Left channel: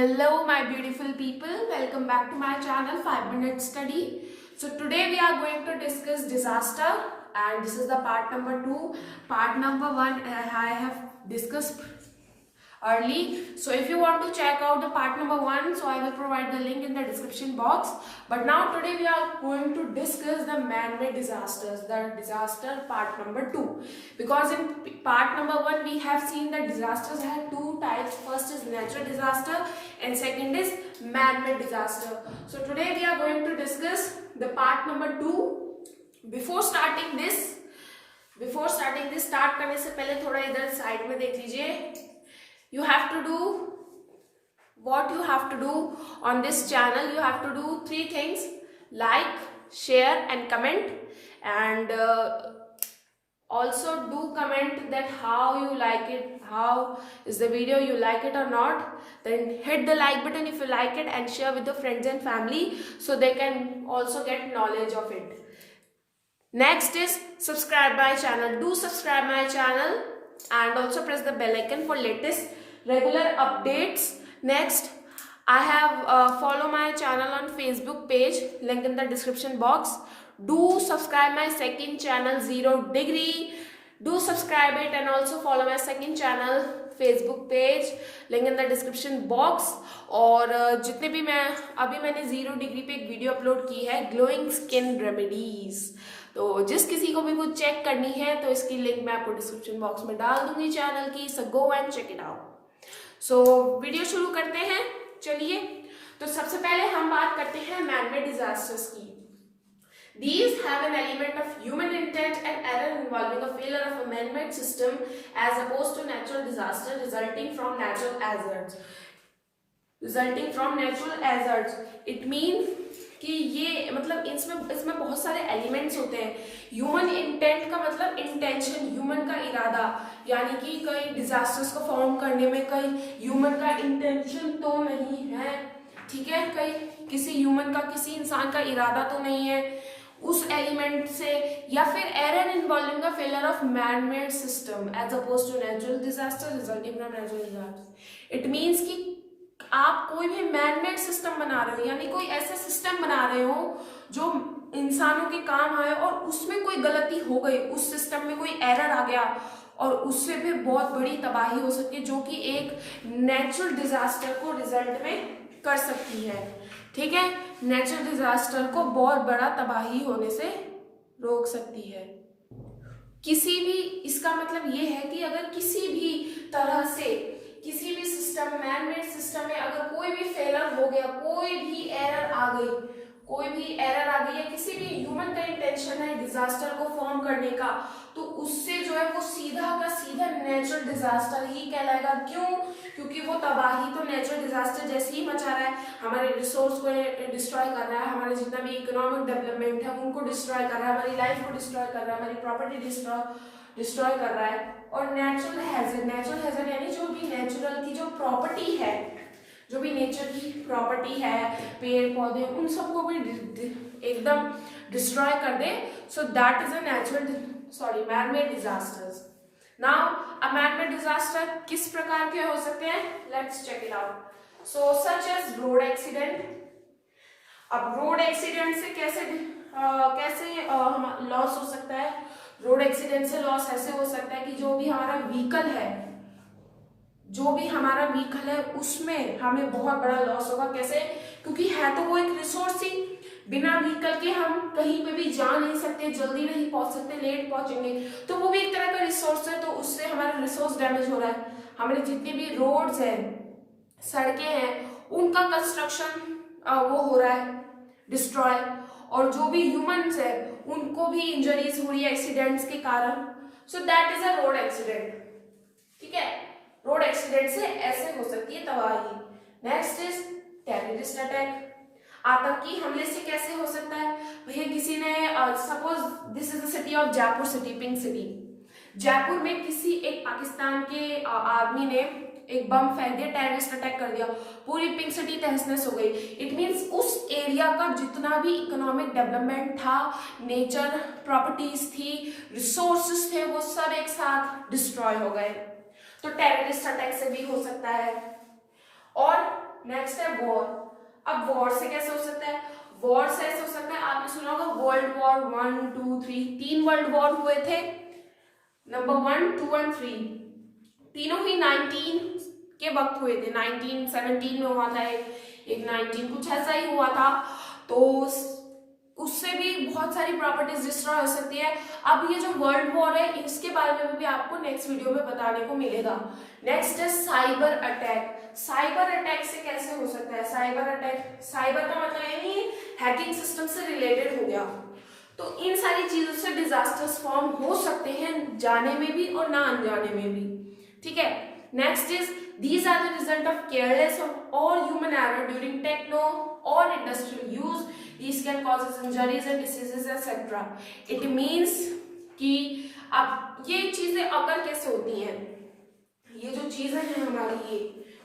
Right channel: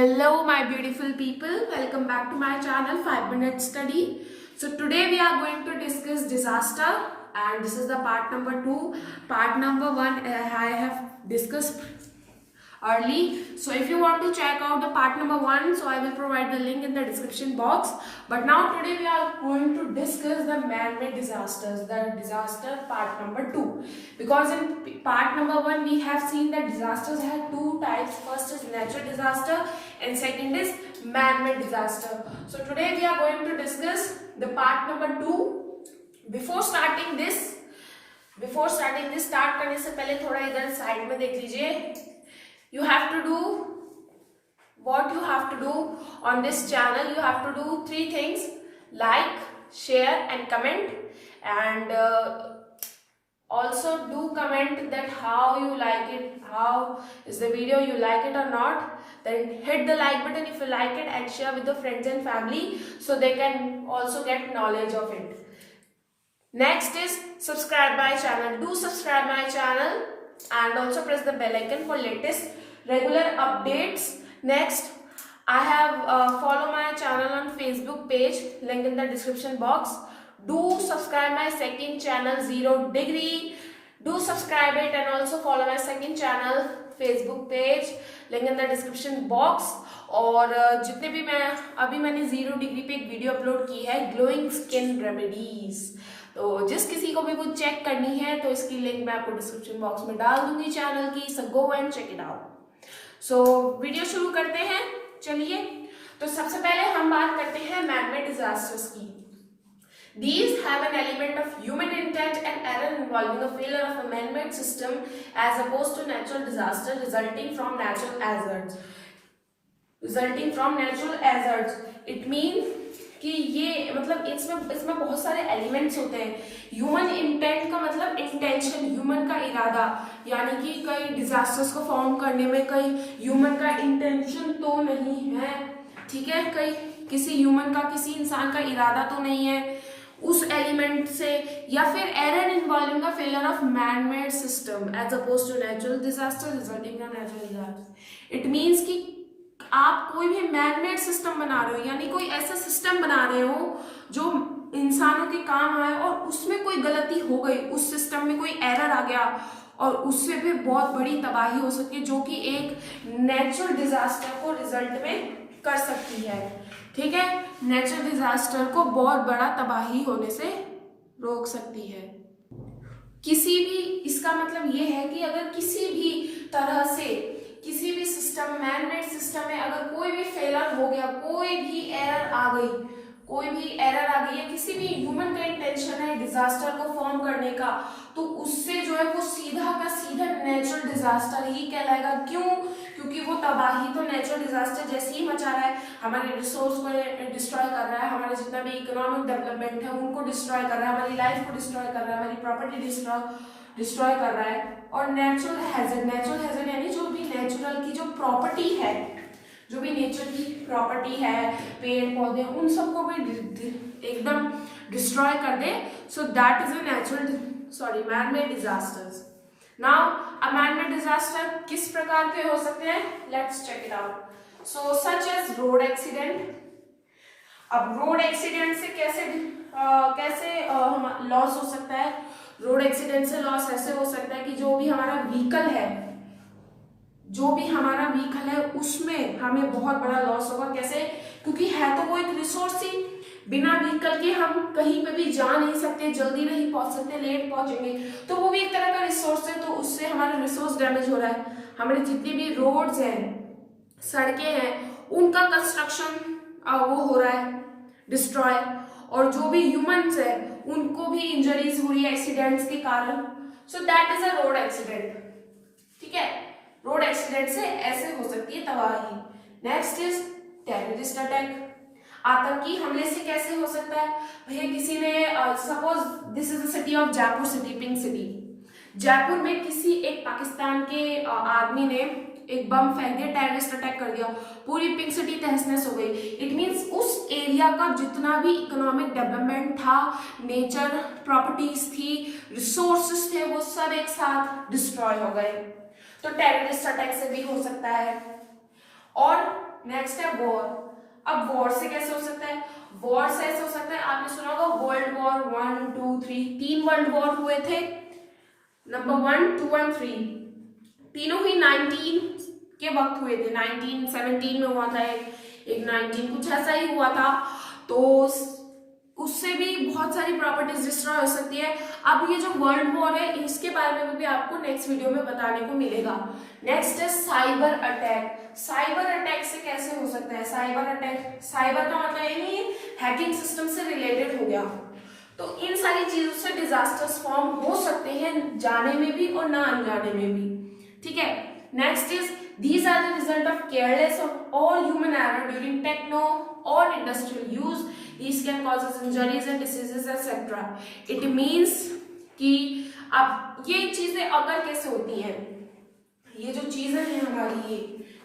Hello my beautiful people, welcome back to my channel 5 Minute Study. So today we are going to discuss disaster and this is the part number 2. Part number 1 I have discussed early. So if you want to check out the part number 1, so I will provide the link in the description box. But now today we are going to discuss the man-made disasters, the disaster part number 2. Because in part number 1 we have seen that disasters have two types. First is natural disaster and second is man-made disaster. So today we are going to discuss the part number 2. Before starting this, start करने से पहले थोड़ा इधर side में देख लीजिए. You have to do what you have to do on this channel. You have to do 3 things: like, share and comment, and also do comment that how you like it, how is the video, you like it or not. Then hit the like button if you like it and share with your friends and family so they can also get knowledge of it. Next is subscribe my channel. Do subscribe my channel and also press the bell icon for latest regular updates. Next, I have follow my channel on Facebook page, link in the description box. Do subscribe my second channel Zero Degree. Do subscribe it and also follow my second channel Facebook page, link in the description box. और जितने भी मैंने zero degree पे एक video upload की है glowing skin remedies, तो जिस किसी को भी वो चेक करनी है तो इसकी लिंक मैं आपको डिस्क्रिप्शन बॉक्स में डाल दूंगी चैनल की. So go and check it out. So video शुरू करते हैं. चलिए, तो सबसे पहले हम बात करते हैं मैन-मेड डिजास्टर्स की. These have an element of human intent and error involving the failure of a man-made system as opposed to natural disaster resulting from natural hazards. It means कि ये मतलब इसमें बहुत सारे एलिमेंट्स होते हैं. ह्यूमन इंटेंट का मतलब इंटेंशन, ह्यूमन का इरादा, यानी कि कई डिजास्टर्स को फॉर्म करने में कई ह्यूमन का इंटेंशन तो नहीं है, ठीक है, कई किसी ह्यूमन का, किसी इंसान का इरादा तो नहीं है उस एलिमेंट से. या फिर error involving the failure of man made system as opposed to natural disaster resulting from natural disaster. It means कि आप कोई भी मैन मेड सिस्टम बना रहे हो, यानी कोई ऐसा सिस्टम बना रहे हो जो इंसानों के काम आए और उसमें कोई गलती हो गई, उस सिस्टम में कोई एरर आ गया और उससे भी बहुत बड़ी तबाही हो सकती है जो कि एक नेचुरल डिजास्टर को रिजल्ट में कर सकती है. ठीक है, नेचुरल डिजास्टर को बहुत बड़ा तबाही होने से रोक सकती है. किसी भी, इसका मतलब ये है कि अगर किसी भी तरह से किसी भी सिस्टम, मैन मेड सिस्टम में अगर कोई भी फेलर हो गया, कोई भी एरर आ गई है, किसी भी ह्यूमन का इंटेंशन है डिजास्टर को फॉर्म करने का, तो उससे जो है वो सीधा का सीधा नेचुरल डिजास्टर ही कहलाएगा. क्यों? क्योंकि वो तबाही तो नेचुरल डिजास्टर जैसे ही मचा रहा है, हमारे रिसोर्स को डिस्ट्रॉय कर रहा है, हमारे जितना भी इकोनॉमिक डेवलपमेंट है उनको डिस्ट्रॉय कर रहा है, हमारी लाइफ को डिस्ट्रॉय कर रहा है, हमारी प्रॉपर्टी डिस्ट्रॉय कर रहा है. और नेचुरल हैजर्ड यानी जो भी नेचुरल की जो प्रॉपर्टी है, जो भी नेचर की प्रॉपर्टी है, पेड़ पौधे, उन सबको भी एकदम डिस्ट्रॉय कर दे. So that is a man-made disasters. Now a man-made disaster किस प्रकार के हो सकते हैं? Let's check it out. So such as road accident. अब रोड एक्सीडेंट से कैसे लॉस हो सकता है? रोड एक्सीडेंट से लॉस ऐसे हो सकता है कि जो भी हमारा व्हीकल है उसमें हमें बहुत बड़ा लॉस होगा. कैसे? क्योंकि है तो वो एक रिसोर्स ही, बिना व्हीकल के हम कहीं पे भी जा नहीं सकते, जल्दी नहीं पहुंच सकते, लेट पहुंचेंगे, तो वो भी एक तरह का रिसोर्स है. तो उससे हमारा रिसोर्स डैमेज हो रहा है. हमारे जितनी भी रोड्स हैं, सड़कें हैं, उनका कंस्ट्रक्शन वो हो रहा है डिस्ट्रॉय, और जो भी ह्यूमंस है उनको भी इंजरीज हो रही है एक्सीडेंट्स के कारण. सो that is a road accident. ठीक है, रोड एक्सीडेंट से ऐसे हो सकती है तबाही. Next is terrorist attack. आतंकी हमले से कैसे हो सकता है? भैया किसी ने suppose this is the city of Jaipur city, pink city. Jaipur में किसी एक पाकिस्तान के आदमी ने एक बम फेंक दिया, टेररिस्ट अटैक कर दिया, पूरी पिंक सिटी तहस नहस हो गई. इट मीन्स उस एरिया का जितना भी इकोनॉमिक डेवलपमेंट था, नेचर प्रॉपर्टीज थी, रिसोर्सेस थे, वो सब एक साथ डिस्ट्रॉय हो गए. तो टेररिस्ट अटैक से भी हो सकता है. और नेक्स्ट है वॉर। अब वॉर से कैसे हो सकता है? वॉर से ऐसे हो सकता है, आपने सुना होगा वर्ल्ड वॉर 1 2 3, 3 वर्ल्ड वॉर हुए थे, नंबर 1 2 एंड 3, तीनों ही 19 के वक्त हुए थे। 1917 में हुआ था एक 19 कुछ ऐसा ही हुआ था। तो उससे भी बहुत सारी प्रॉपर्टीज डिस्ट्रॉय हो सकती है। अब ये जो वर्ल्ड वॉर है इसके बारे में भी आपको नेक्स्ट वीडियो में बताने को मिलेगा। नेक्स्ट है साइबर अटैक। साइबर अटैक से कैसे हो सकता है? साइबर अटैक, साइबर का मतलब यानी हैकिंग सिस्टम से रिलेटेड हो गया। तो इन सारी चीजों से डिजास्टर्स फॉर्म हो सकते हैं, जाने में भी और ना अनजाने में भी। ठीक है, next is these are the result of careless or human error during techno or industrial use. These can cause injuries and diseases etc. It means कि अब ये चीजें अगर कैसे होती हैं, ये जो चीजें हैं हमारी, ये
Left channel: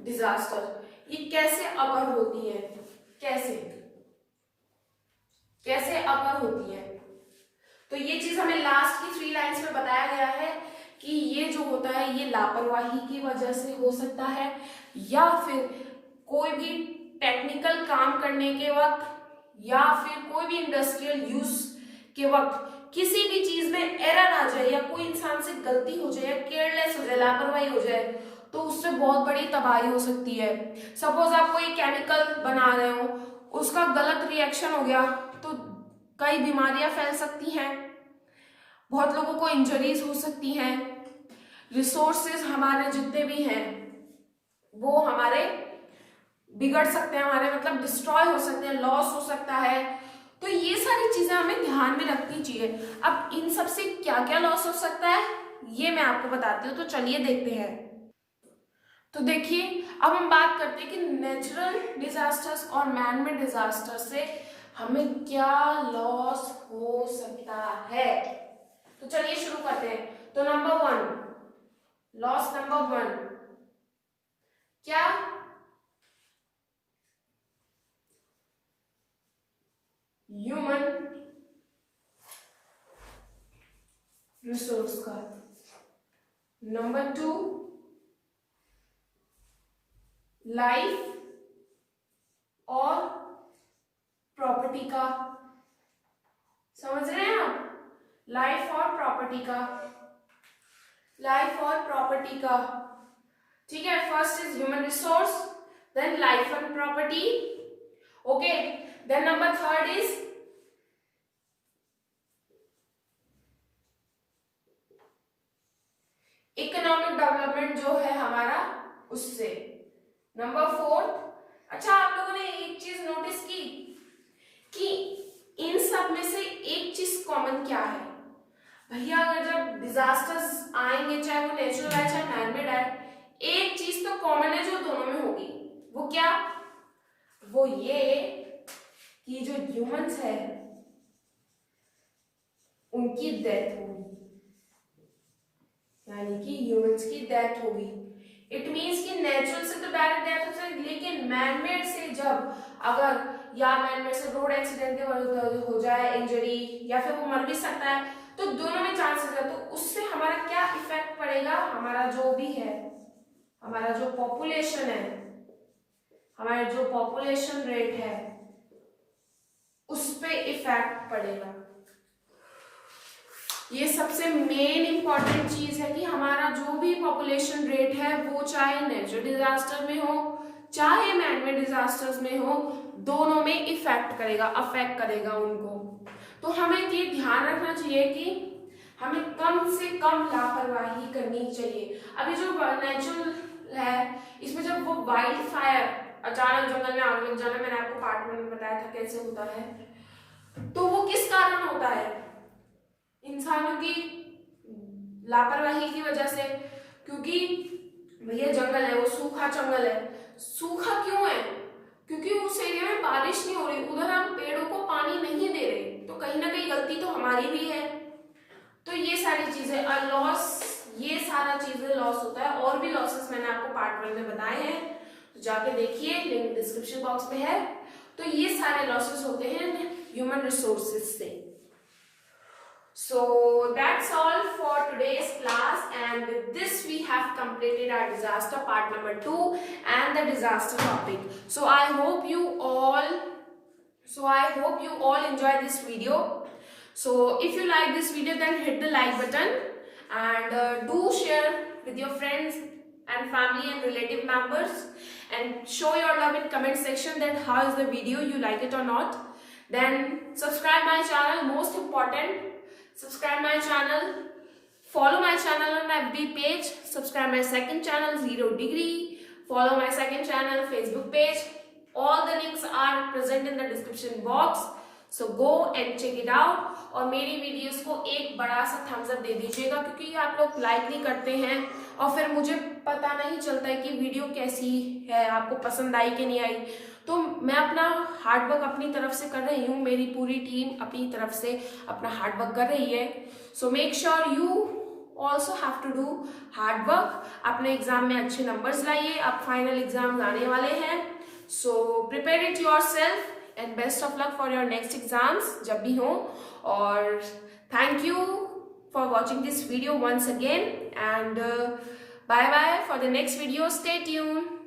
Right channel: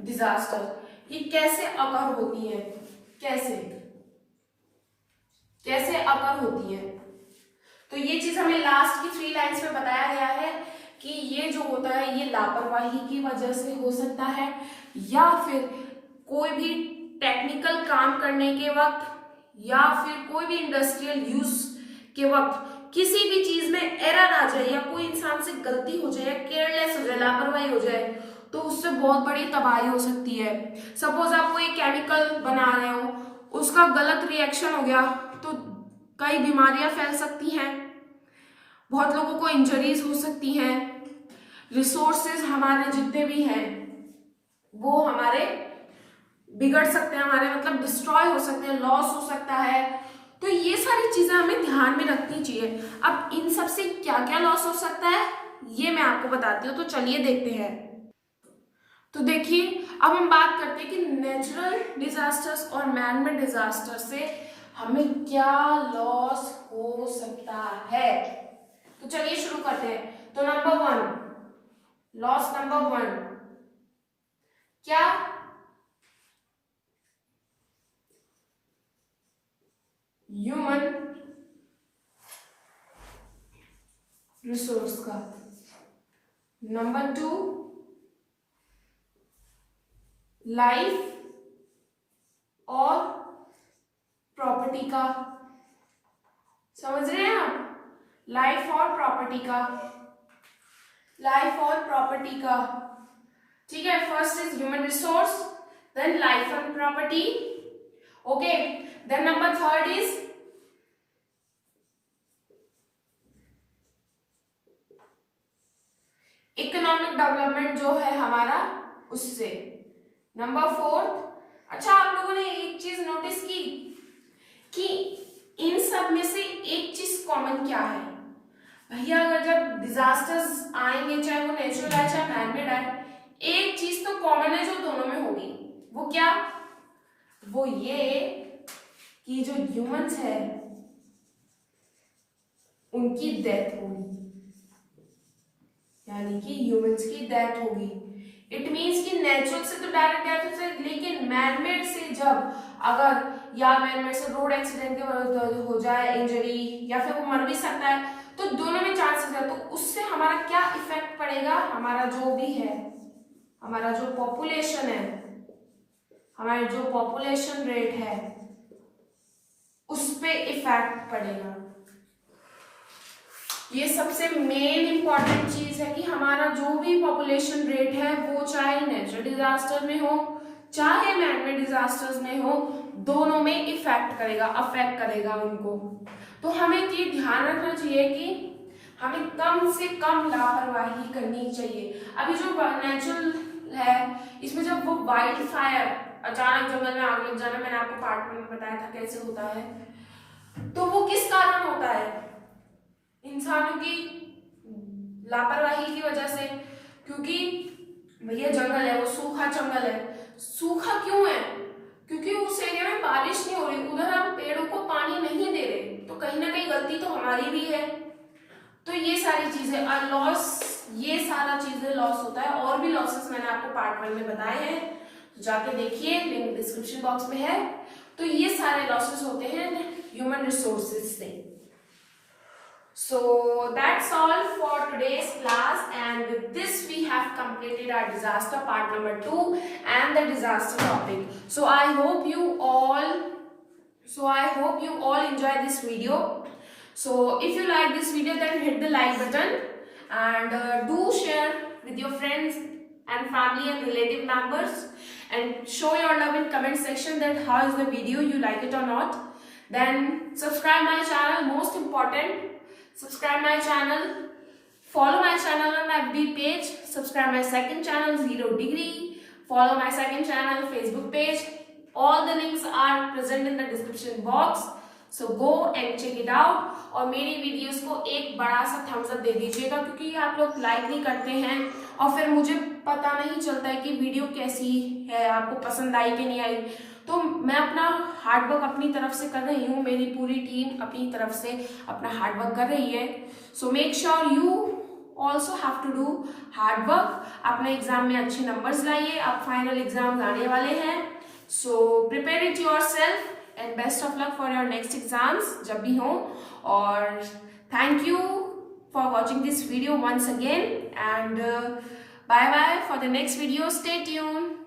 डिजास्टर ये कैसे अगर होती है, कैसे कैसे अगर होती है? तो ये चीज हमें लास्ट की 3 लाइन्स में बताया गया है कि ये जो होता है ये लापरवाही की वजह से हो सकता है, या फिर कोई भी टेक्निकल काम करने के वक्त, या फिर कोई भी इंडस्ट्रियल यूज के वक्त किसी भी चीज में एरर आ जाए, या कोई इंसान से गलती हो जाए, या केयरलेस हो जाए, लापरवाही हो जाए, तो उससे बहुत बड़ी तबाही हो सकती है। सपोज आप कोई केमिकल बना रहे हो, उसका गलत रिएक्शन हो गया तो कई बीमारियां फैल सकती हैं, बहुत लोगों को इंजरीज हो सकती हैं, रिसोर्सेज हमारे जितने भी हैं वो हमारे बिगड़ सकते हैं, हमारे मतलब डिस्ट्रॉय हो सकते हैं, लॉस हो सकता है। तो ये सारी चीजें हमें ध्यान में रखनी चाहिए। अब इन सब से क्या क्या लॉस हो सकता है ये मैं आपको बताती हूँ, तो चलिए देखते हैं। तो देखिए, अब हम बात करते हैं कि नेचुरल डिजास्टर्स और मैन मेड डिजास्टर्स से हमें क्या लॉस हो सकता है। तो चलिए शुरू करते हैं। तो नंबर 1, लॉस नंबर 1 क्या? ह्यूमन रिसोर्स का। नंबर 2, लाइफ और प्रॉपर्टी का। समझ रहे हैं आप? लाइफ और प्रॉपर्टी का, लाइफ और प्रॉपर्टी का। ठीक है, first is human resource, then life and property. Okay, then number 3 is economic development जो है हमारा उससे। नंबर 4, अच्छा आप लोगों ने एक चीज नोटिस की कि इन सब में से एक चीज कॉमन क्या है भैया? अगर जब डिजास्टर्स आएंगे, चाहे वो नेचुरल आए चाहे मैनमेड आए, एक चीज तो कॉमन है जो दोनों में होगी। वो क्या? वो ये कि जो ह्यूमंस है उनकी डेथ होगी, यानी कि ह्यूमंस की डेथ होगी। इट मीन्स कि नेचुरल से तो डायरेक्ट डेथ हो सकती, लेकिन मैनमेड से जब अगर या मैनमेड से रोड एक्सीडेंट के वजह हो जाए इंजरी, या फिर वो मर भी सकता है, तो दोनों में चांसेस है। तो उससे हमारा क्या इफेक्ट पड़ेगा? हमारा जो भी है, हमारा जो पॉपुलेशन है, हमारा जो पॉपुलेशन रेट है उस पे इफेक्ट पड़ेगा। ये सबसे मेन इंपॉर्टेंट चीज है कि हमारा जो भी पॉपुलेशन रेट है वो चाहे नेचुरल डिजास्टर में हो चाहे मैनमेड डिजास्टर्स में हो, दोनों में इफेक्ट करेगा, अफेक्ट करेगा उनको। तो हमें ये ध्यान रखना चाहिए कि हमें कम से कम लापरवाही करनी चाहिए। अभी जो नेचुरल है इसमें जब वो वाइल्ड फायर, अचानक जंगल में आग लग जाना, मैंने आपको पार्ट में बताया था कैसे होता है, तो वो किस कारण होता है? इंसानों की लापरवाही की वजह से। क्योंकि भैया जंगल है, वो सूखा जंगल है। सूखा क्यों है? क्योंकि उस एरिया में बारिश नहीं हो रही, उधर हम पेड़ों को पानी नहीं दे रहे, तो कहीं ना कहीं गलती तो हमारी भी है। तो ये सारी चीजें और लॉस, ये सारा चीजें लॉस होता है। और भी लॉसेस मैंने आपको पार्ट 1 में बताए हैं, तो जाके देखिए, लिंक डिस्क्रिप्शन बॉक्स में है। तो ये सारे लॉसेस होते हैं ह्यूमन रिसोर्सेज से। So that's all for today's class, and with this we have completed our disaster part number 2 and the disaster topic. So I hope you all enjoy this video. So if you like this video, then hit the like button, and do share with your friends and family and relative members, and show your love in comment section that how is the video, you like it or not. Then subscribe my channel, most important, subscribe my channel, follow my channel on FB page, subscribe my second channel Zero Degree, follow my second channel Facebook page. All the links are present in the description box, so go and check it out. और मेरी videos को एक बड़ा सा Thums up दे दीजिएगा, क्योंकि आप लोग लाइक नहीं करते हैं और फिर मुझे पता नहीं चलता है कि वीडियो कैसी है, आपको पसंद आई कि नहीं आई। तो मैं अपना हार्डवर्क अपनी तरफ से कर रही हूँ, मेरी पूरी टीम अपनी तरफ से अपना हार्डवर्क कर रही है। So make sure you also have to do hard work, अपने एग्जाम में अच्छे नंबर्स लाइए, अब फाइनल एग्जाम आने वाले हैं। So prepare it yourself and best of luck for your next exams जब भी हो। और thank you for watching this video once again, and bye bye for the next video. Stay tuned.